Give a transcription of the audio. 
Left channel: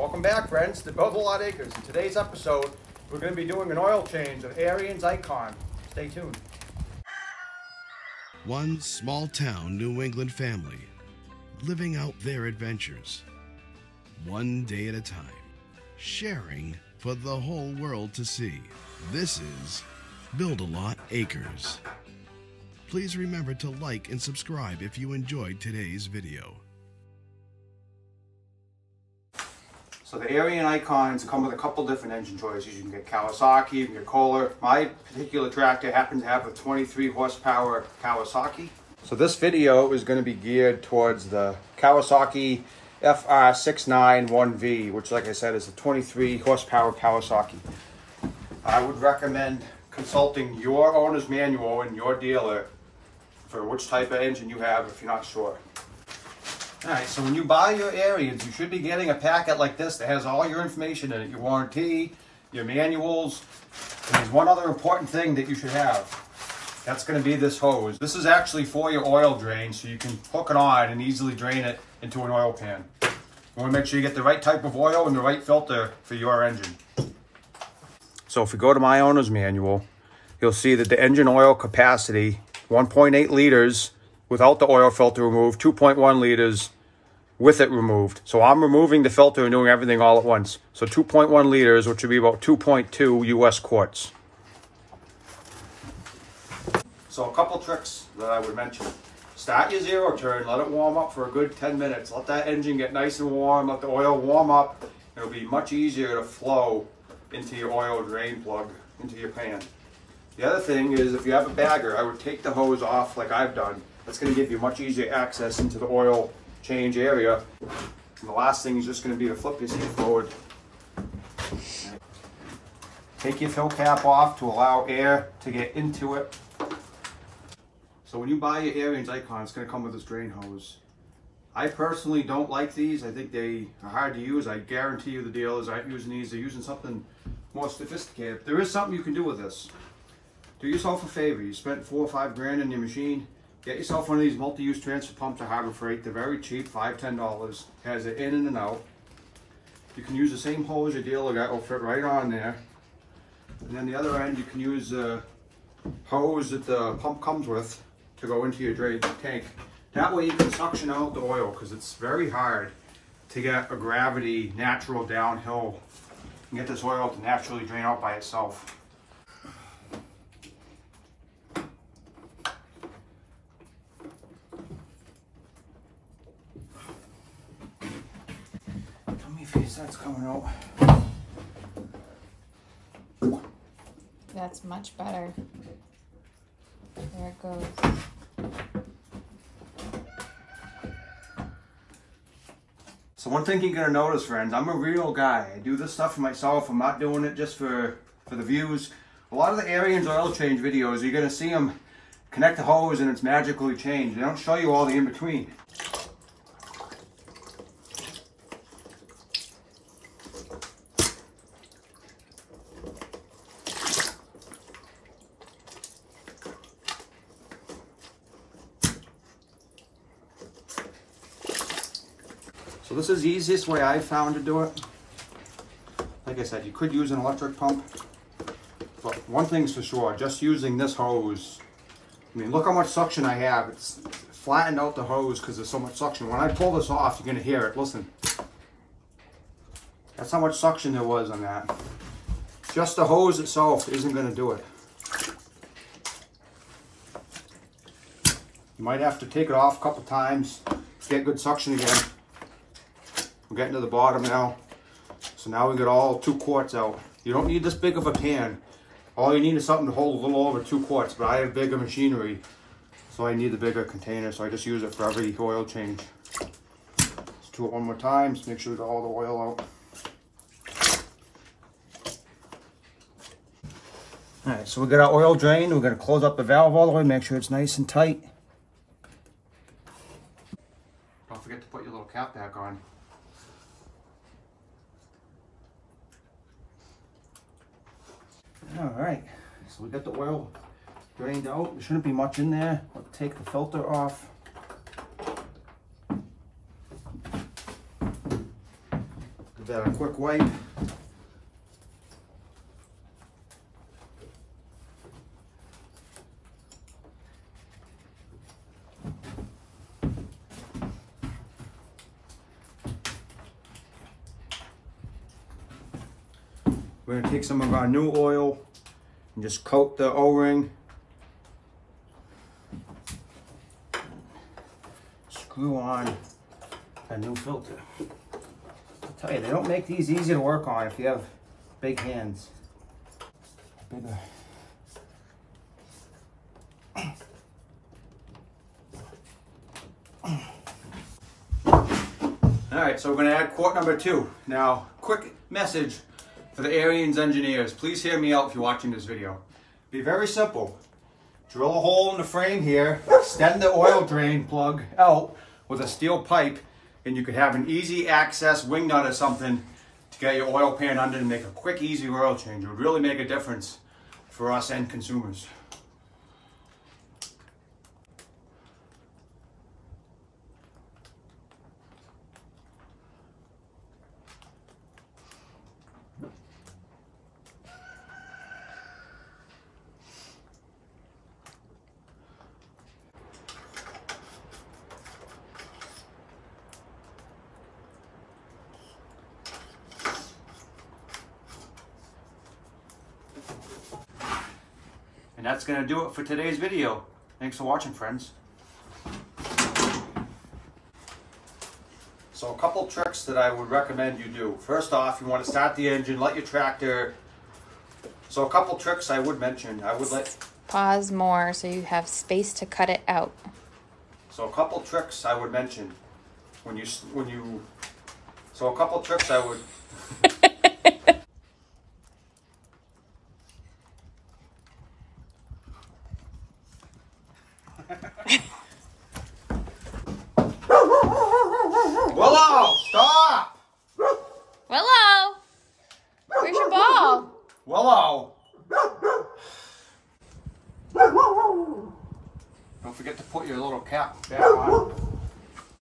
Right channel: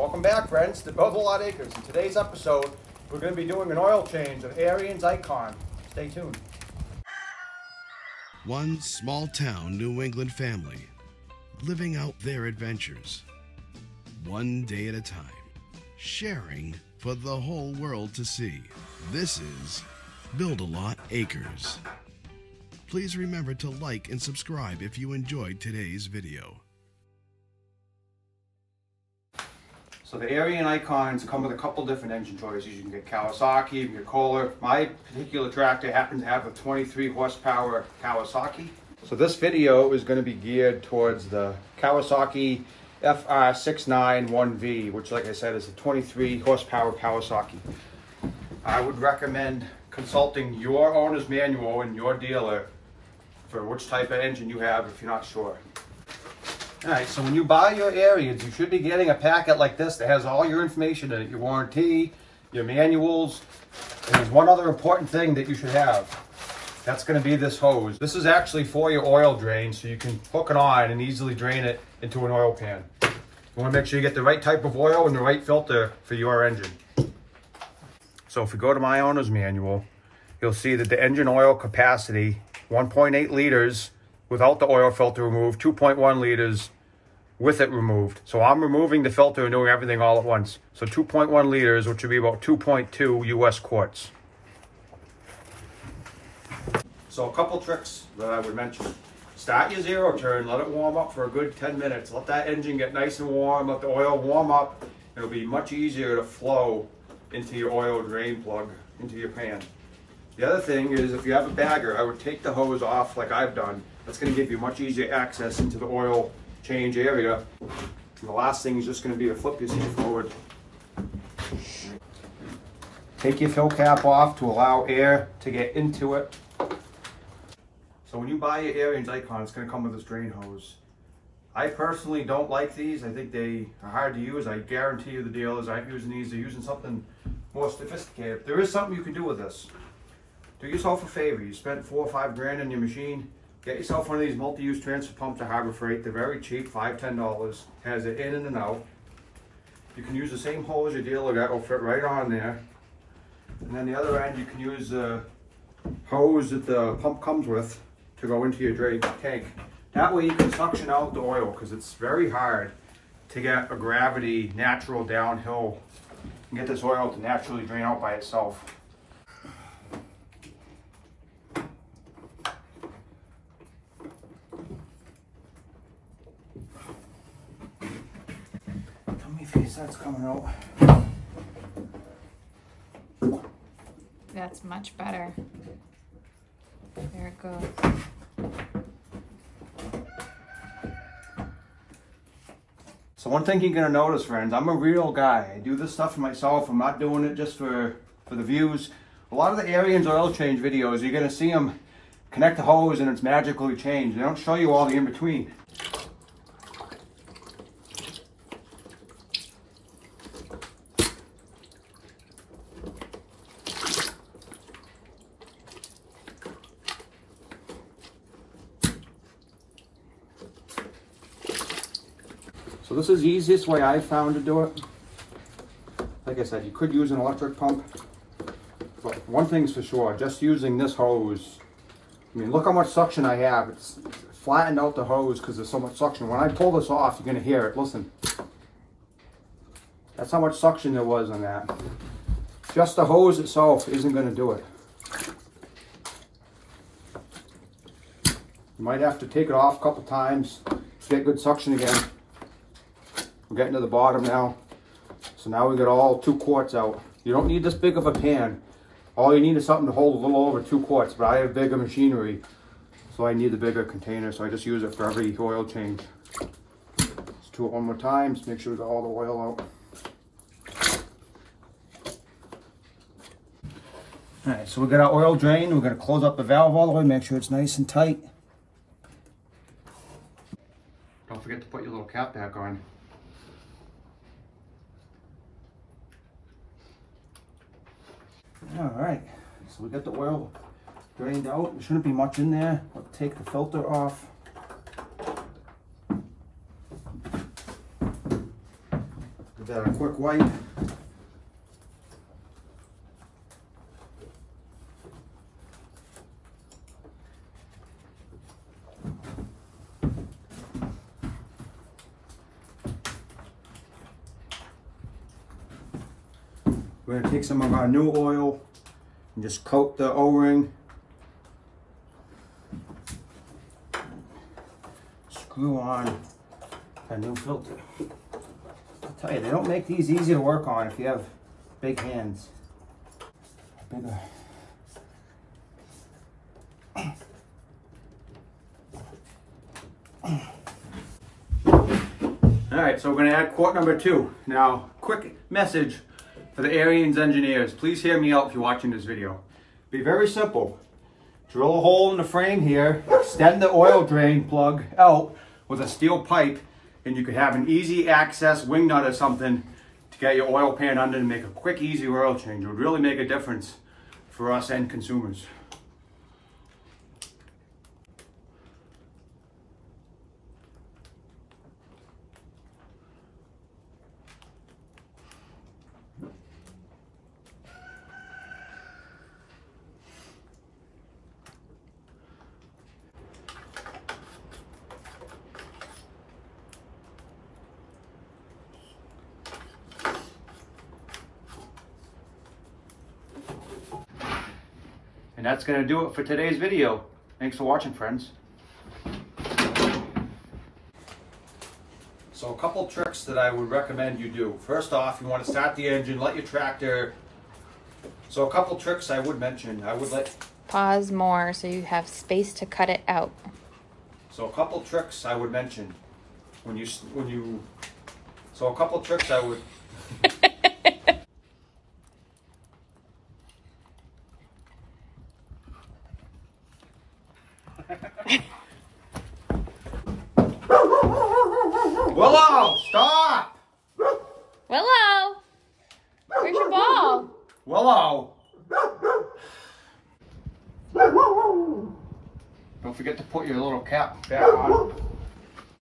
Welcome back, friends, to Build a Lot Acres. In today's episode, we're going to be doing an oil change of Ariens Ikon. Stay tuned. One small town New England family living out their adventures, one day at a time, sharing for the whole world to see. This is Build a Lot Acres. Please remember to like and subscribe if you enjoyed today's video. So the Ariens Ikons come with a couple different engine choices. You can get Kawasaki, you can get Kohler. My particular tractor happens to have a 23 horsepower Kawasaki. So this video is going to be geared towards the Kawasaki FR691V, which, like I said, is a 23 horsepower Kawasaki. I would recommend consulting your owner's manual and your dealer for which type of engine you have if you're not sure. Alright, so when you buy your Ariens, you should be getting a packet like this that has all your information in it, your warranty, your manuals, and there's one other important thing that you should have. That's going to be this hose. This is actually for your oil drain, so you can hook it on and easily drain it into an oil pan. You want to make sure you get the right type of oil and the right filter for your engine. So if you go to my owner's manual, you'll see that the engine oil capacity, 1.8 liters, without the oil filter removed, 2.1 liters with it removed. So I'm removing the filter and doing everything all at once. So 2.1 liters, which would be about 2.2 US quarts. So a couple tricks that I would mention. Start your zero turn, let it warm up for a good 10 minutes. Let that engine get nice and warm, let the oil warm up. It'll be much easier to flow into your oil drain plug, into your pan. The other thing is, if you have a bagger, I would take the hose off like I've done. That's going to give you much easier access into the oil change area. And the last thing is just going to be to flip your seat forward. Take your fill cap off to allow air to get into it. So when you buy your Ariens Ikon, it's going to come with this drain hose. I personally don't like these. I think they are hard to use. I guarantee you the dealers aren't using these. They're using something more sophisticated. There is something you can do with this. Do yourself a favor. You spent $4 or $5 grand on your machine. Get yourself one of these multi-use transfer pumps at Harbor Freight. They're very cheap, $5, $10. Has it in and out. You can use the same hose your dealer got. Will fit right on there. And then the other end, you can use the hose that the pump comes with to go into your drain tank. That way you can suction out the oil, because it's very hard to get a gravity natural downhill and get this oil to naturally drain out by itself. That's coming out. That's much better. There it goes. So one thing you're going to notice, friends, I'm a real guy. I do this stuff for myself. I'm not doing it just for the views. A lot of the Ariens oil change videos, you're going to see them connect the hose and it's magically changed. They don't show you all the in-between. So this is the easiest way I found to do it. Like I said, you could use an electric pump, but one thing's for sure, just using this hose, I mean, look how much suction I have. It's flattened out the hose because there's so much suction. When I pull this off, you're going to hear it. Listen. That's how much suction there was on that. Just the hose itself isn't going to do it. You might have to take it off a couple times to get good suction again. We're getting to the bottom now. So now we got all 2 quarts out. You don't need this big of a pan. All you need is something to hold a little over 2 quarts, but I have bigger machinery, so I need the bigger container, so I just use it for every oil change. Let's do it one more time, just make sure we got all the oil out. Alright, so we got our oil drain. We're going to close up the valve all the way, make sure it's nice and tight. Don't forget to put your little cap back on. All right, so we got the oil drained out. There shouldn't be much in there. I'll take the filter off. The that a quick wipe. We're going to take some of our new oil and just coat the O-ring. Screw on a new filter. I'll tell you, they don't make these easy to work on if you have big hands. Bigger. Alright, so we're going to add quart number 2. Now, quick message for the Ariens engineers. Please hear me out if you're watching this video. Be very simple. Drill a hole in the frame here, extend the oil drain plug out with a steel pipe, and you could have an easy access wing nut or something to get your oil pan under and make a quick, easy oil change. It would really make a difference for us end consumers. And that's going to do it for today's video. Thanks for watching, friends. So a couple tricks that I would recommend you do. First off, you want to start the engine, let your tractor. So a couple tricks I would mention. I would let... Pause more so you have space to cut it out. So a couple tricks I would mention. So a couple tricks I would... Willow, stop! Willow! Where's your ball? Willow! Don't forget to put your little cap back on.